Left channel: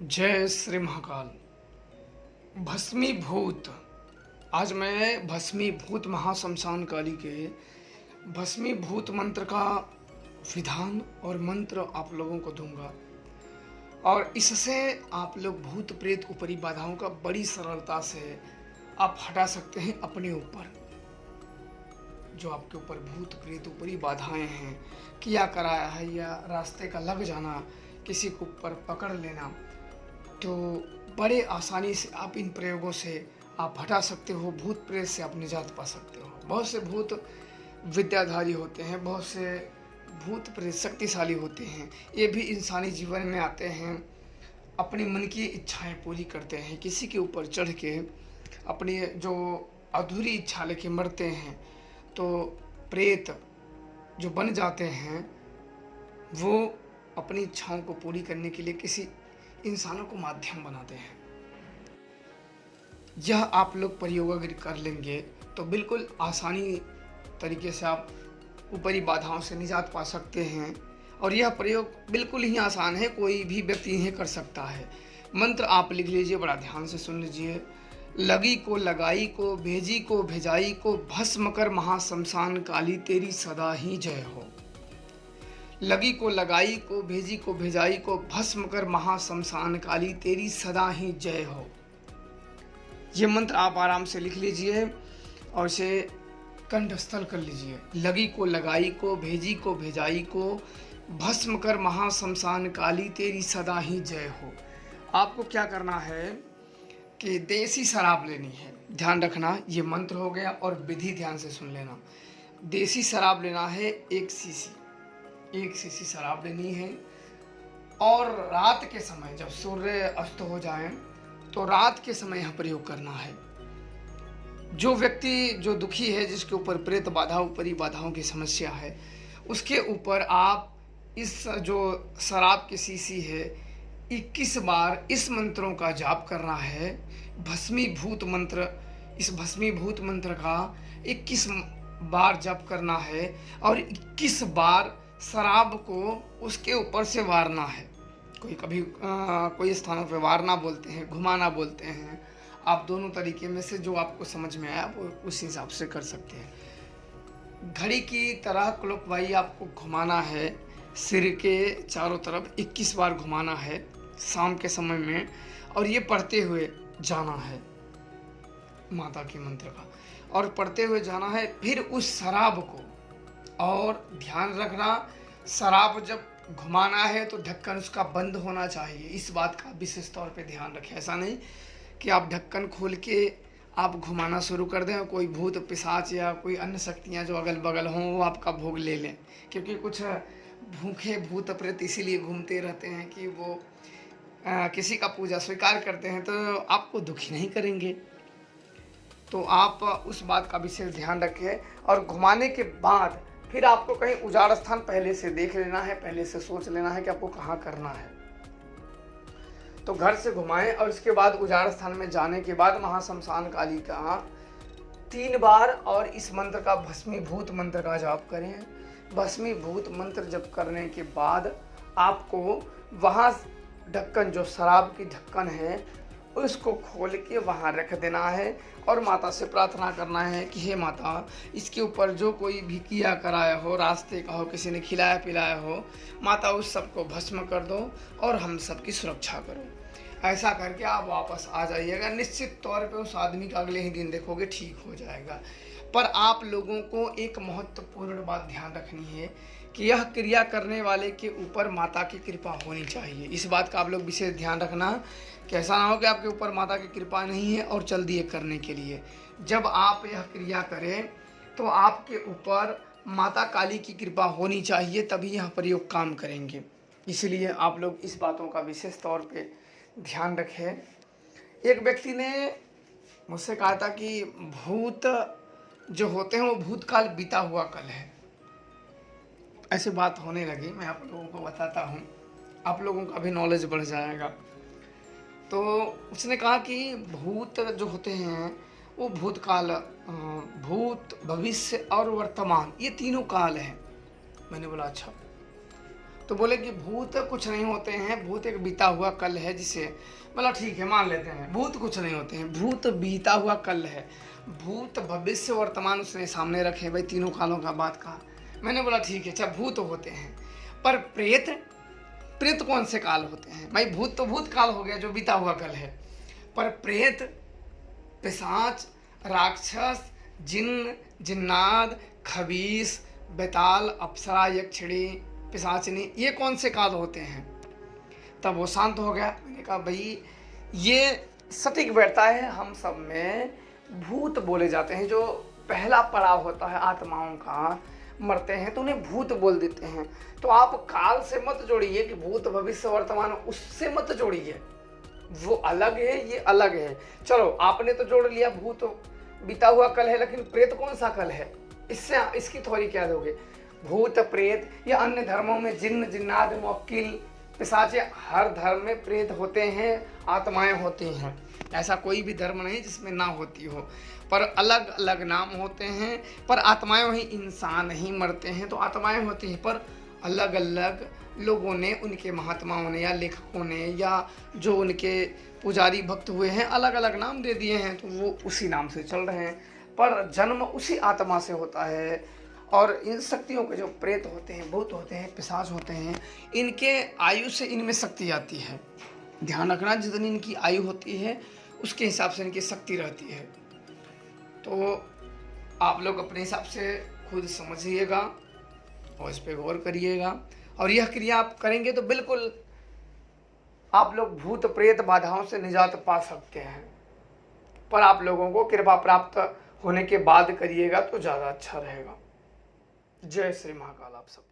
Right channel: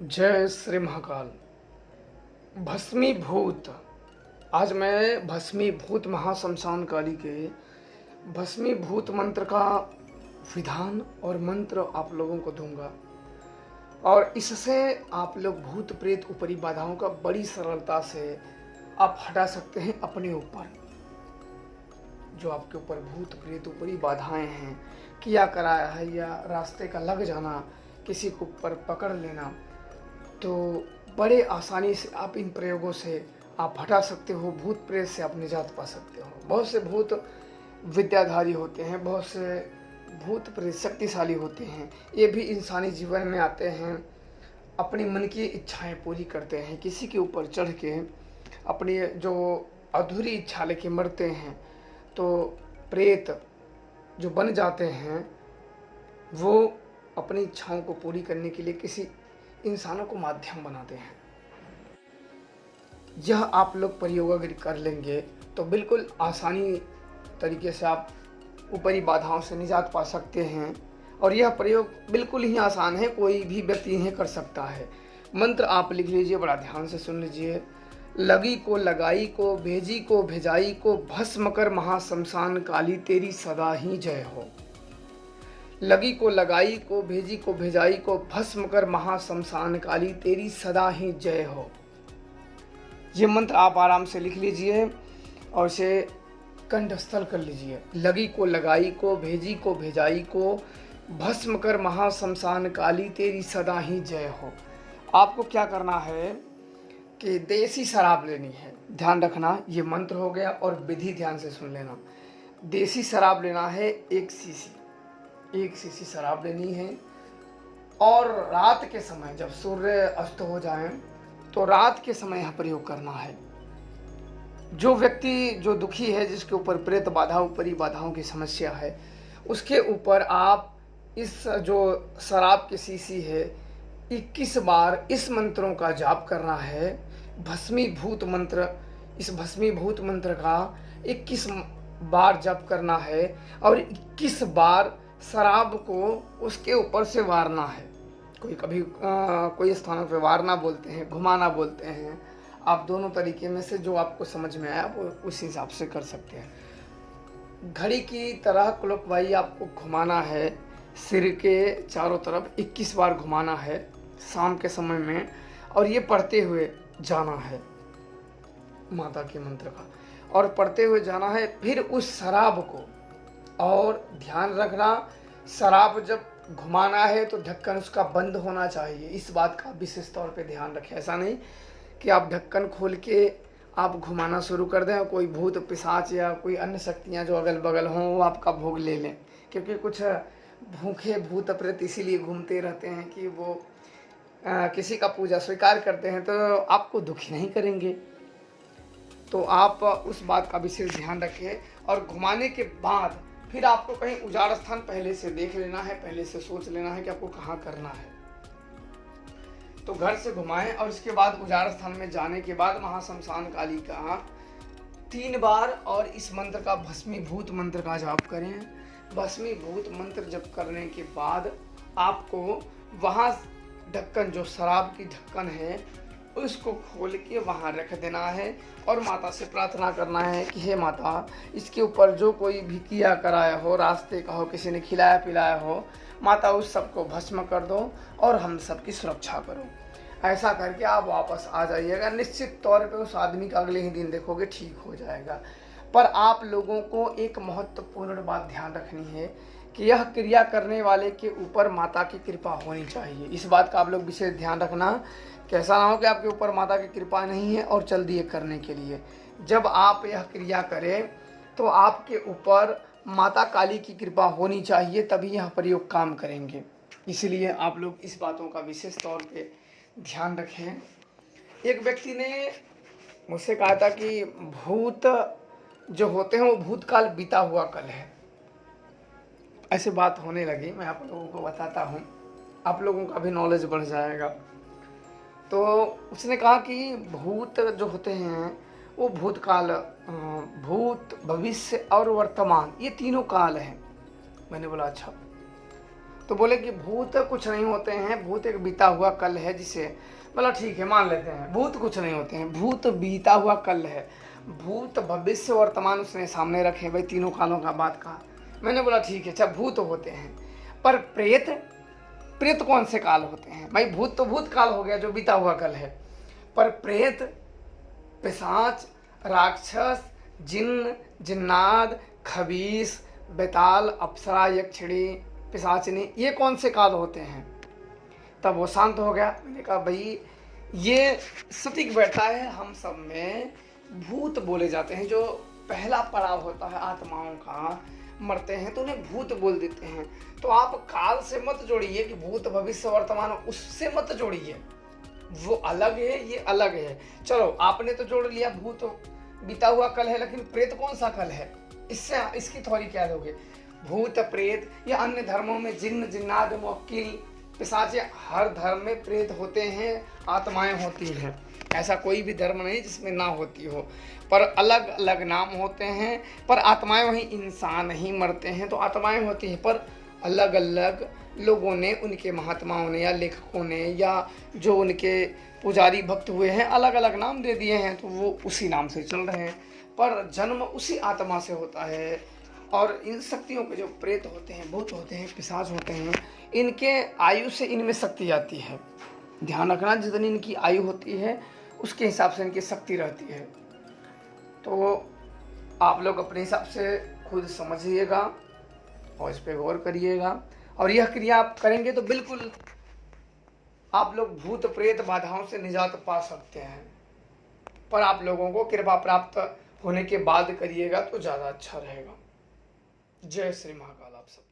जय श्री महाकाल। भस्मीभूत। आज मैं भस्मीभूत महाशमशान काली के भस्मीभूत मंत्र का विधान और मंत्र आप लोगों को दूंगा और इससे आप लोग भूत प्रेत ऊपरी बाधाओं का बड़ी सरलता से आप हटा सकते हैं अपने ऊपर। जो आपके ऊपर भूत प्रेत ऊपरी बाधाएं हैं, किया कराया है या रास्ते का लग जाना, किसी के ऊपर पकड़ लेना, तो बड़े आसानी से आप इन प्रयोगों से आप हटा सकते हो। भूत प्रेत से आप निजात पा सकते हो। बहुत से भूत विद्याधारी होते हैं, बहुत से भूत प्रेत शक्तिशाली होते हैं। ये भी इंसानी जीवन में आते हैं, अपनी मन की इच्छाएं पूरी करते हैं, किसी के ऊपर चढ़ के अपनी जो अधूरी इच्छा लेके मरते हैं। तो प्रेत जो बन जाते हैं वो अपनी इच्छाओं को पूरी करने के लिए किसी इंसानों को माध्यम बनाते हैं। यह आप लोग प्रयोग अगर कर लेंगे तो बिल्कुल आसानी तरीके से आप ऊपरी बाधाओं से निजात पा सकते हैं। और यह प्रयोग बिल्कुल ही आसान है, कोई भी व्यक्ति इन्हें कर सकता है। मंत्र आप लिख लीजिए, बड़ा ध्यान से सुन लीजिए। लगी को लगाई को भेजी को भेजाई को भस्म कर महाशमशान काली तेरी सदा ही जय हो। लगी को लगाई को भेजी को भेजाई को भस्म कर महाशमशान काली तेरी सदा ही जय हो। ये मंत्र आप आराम से लिख लीजिए और इसे कंठस्थल कर लीजिए। लगी को लगाई को भेजी को भेजाई को भस्म कर महाशमशान काली तेरी सदा ही जय हो। आपको क्या करना है कि देसी शराब लेनी है। ध्यान रखना, ये मंत्र हो गया और विधि ध्यान से सुन लेना। देसी शराब लेना है 1 सीसी शराब लेनी है। और रात के समय जब सूर्य अस्त हो जाए तो रात के समय यहाँ प्रयोग करना है। जो व्यक्ति जो दुखी है, जिसके ऊपर प्रेत बाधा ऊपरी बाधाओं की समस्या है, उसके ऊपर आप इस जो शराब की शीशी है 21 बार इस मंत्रों का जाप करना है। भस्मीभूत मंत्र, इस भस्मीभूत मंत्र का 21 बार जप करना है और 21 बार शराब को उसके ऊपर से वारना है। कोई स्थानों पे वारना बोलते हैं, घुमाना बोलते हैं। आप दोनों तरीके में से जो आपको समझ में आया वो उस हिसाब से कर सकते हैं। घड़ी की तरह क्लॉकवाइज आपको घुमाना है, सिर के चारों तरफ 21 बार घुमाना है शाम के समय में। और ये पढ़ते हुए जाना है माता के मंत्र का, और पढ़ते हुए जाना है। फिर उस शराब को, और ध्यान रखना, शराब जब घुमाना है तो ढक्कन उसका बंद होना चाहिए। इस बात का विशेष तौर पे ध्यान रखें। ऐसा नहीं कि आप ढक्कन खोल के आप घुमाना शुरू कर दें और कोई भूत पिशाच या कोई अन्य शक्तियां जो अगल बगल हों वो आपका भोग ले लें। क्योंकि कुछ भूखे भूत प्रेत इसीलिए घूमते रहते हैं कि वो किसी का पूजा स्वीकार करते हैं तो आपको दुखी नहीं करेंगे। तो आप उस बात का विशेष ध्यान रखें। और घुमाने के बाद फिर आपको कहीं उजाड़ स्थान पहले से देख लेना है, पहले से सोच लेना है कि आपको कहाँ करना है। तो घर से घुमाएं और इसके बाद उजाड़ स्थान में जाने के बाद महाशमशान काली का 3 बार और इस मंत्र का भस्मीभूत मंत्र का जाप करें। भस्मीभूत मंत्र जप करने के बाद आपको वहाँ ढक्कन, जो शराब की ढक्कन है, उसको खोल के वहाँ रख देना है और माता से प्रार्थना करना है कि हे माता, इसके ऊपर जो कोई भी किया कराया हो, रास्ते का हो, किसी ने खिलाया पिलाया हो, माता उस सबको भस्म कर दो और हम सबकी सुरक्षा करो। ऐसा करके आप वापस आ जाइएगा। निश्चित तौर पे उस आदमी का अगले ही दिन देखोगे ठीक हो जाएगा। पर आप लोगों को एक महत्वपूर्ण बात ध्यान रखनी है कि यह क्रिया करने वाले के ऊपर माता की कृपा होनी चाहिए। इस बात का आप लोग विशेष ध्यान रखना कि ऐसा ना हो कि आपके ऊपर माता की कृपा नहीं है और चल दिए करने के लिए। जब आप यह क्रिया करें तो आपके ऊपर माता काली की कृपा होनी चाहिए, तभी यह प्रयोग काम करेंगे। इसलिए आप लोग इस बातों का विशेष तौर पे ध्यान रखें। एक व्यक्ति ने मुझसे कहा था कि भूत जो होते हैं वो भूतकाल बीता हुआ कल है। ऐसी बात होने लगी, मैं आप लोगों को बताता हूँ, आप लोगों का भी नॉलेज बढ़ जाएगा। तो उसने कहा कि भूत जो होते हैं वो भूतकाल, भूत, भविष्य और वर्तमान, ये तीनों काल हैं। मैंने बोला अच्छा। तो बोले कि भूत कुछ नहीं होते हैं, भूत एक बीता हुआ कल है, जिसे बोला ठीक है मान लेते हैं, भूत कुछ नहीं होते हैं, भूत बीता हुआ कल है। भूत भविष्य वर्तमान उसने सामने रखे, भाई तीनों कालों का बात कहा। मैंने बोला ठीक है, अच्छा भूत होते हैं, पर प्रेत, प्रेत कौन से काल होते हैं? भाई भूत तो भूत काल हो गया जो बीता हुआ कल है, पर प्रेत, पिशाच, राक्षस, जिन्न, जिन्नात, खबीस, बेताल, अप्सरा, यक्षिणी, पिशाचिनी, ये कौन से काल होते हैं? तब वो शांत हो गया। मैंने कहा भाई ये सटीक बैठता है, हम सब में भूत बोले जाते हैं, जो पहला पड़ाव होता है आत्माओं का, मरते हैं तो उन्हें भूत बोल देते हैं। तो आप काल से मत जोड़िए कि भूत भविष्य वर्तमान, उससे मत जोड़िए, वो अलग है ये अलग है। चलो आपने तो जोड़ लिया भूत बीता हुआ कल है, लेकिन प्रेत कौन सा कल है? इससे इसकी थोड़ी क्या लोगे? भूत प्रेत या अन्य धर्मों में जिन्न, जिन्नात, मुवक्किल, पिशाच, हर धर्म में प्रेत होते हैं, आत्माएं होती हैं। ऐसा कोई भी धर्म नहीं जिसमें ना होती हो, पर अलग अलग नाम होते हैं। पर आत्माएं वही इंसान ही मरते हैं तो आत्माएं होती हैं, पर अलग अलग लोगों ने, उनके महात्माओं ने या लेखकों ने या जो उनके पुजारी भक्त हुए हैं, अलग अलग नाम दे दिए हैं, तो वो उसी नाम से चल रहे हैं, पर जन्म उसी आत्मा से होता है। और इन शक्तियों के जो प्रेत होते हैं, भूत होते हैं, पिशाच होते हैं, इनके आयु से इनमें शक्ति आती है। ध्यान रखना, जितनी इनकी आयु होती है उसके हिसाब से इनकी शक्ति रहती है। तो आप लोग अपने हिसाब से खुद समझिएगा और इस पर गौर करिएगा, और यह क्रिया आप करेंगे तो बिल्कुल आप लोग भूत प्रेत बाधाओं से निजात पा सकते हैं। पर आप लोगों को कृपा प्राप्त होने के बाद करिएगा तो ज़्यादा अच्छा रहेगा। जय श्री महाकाल आप सब।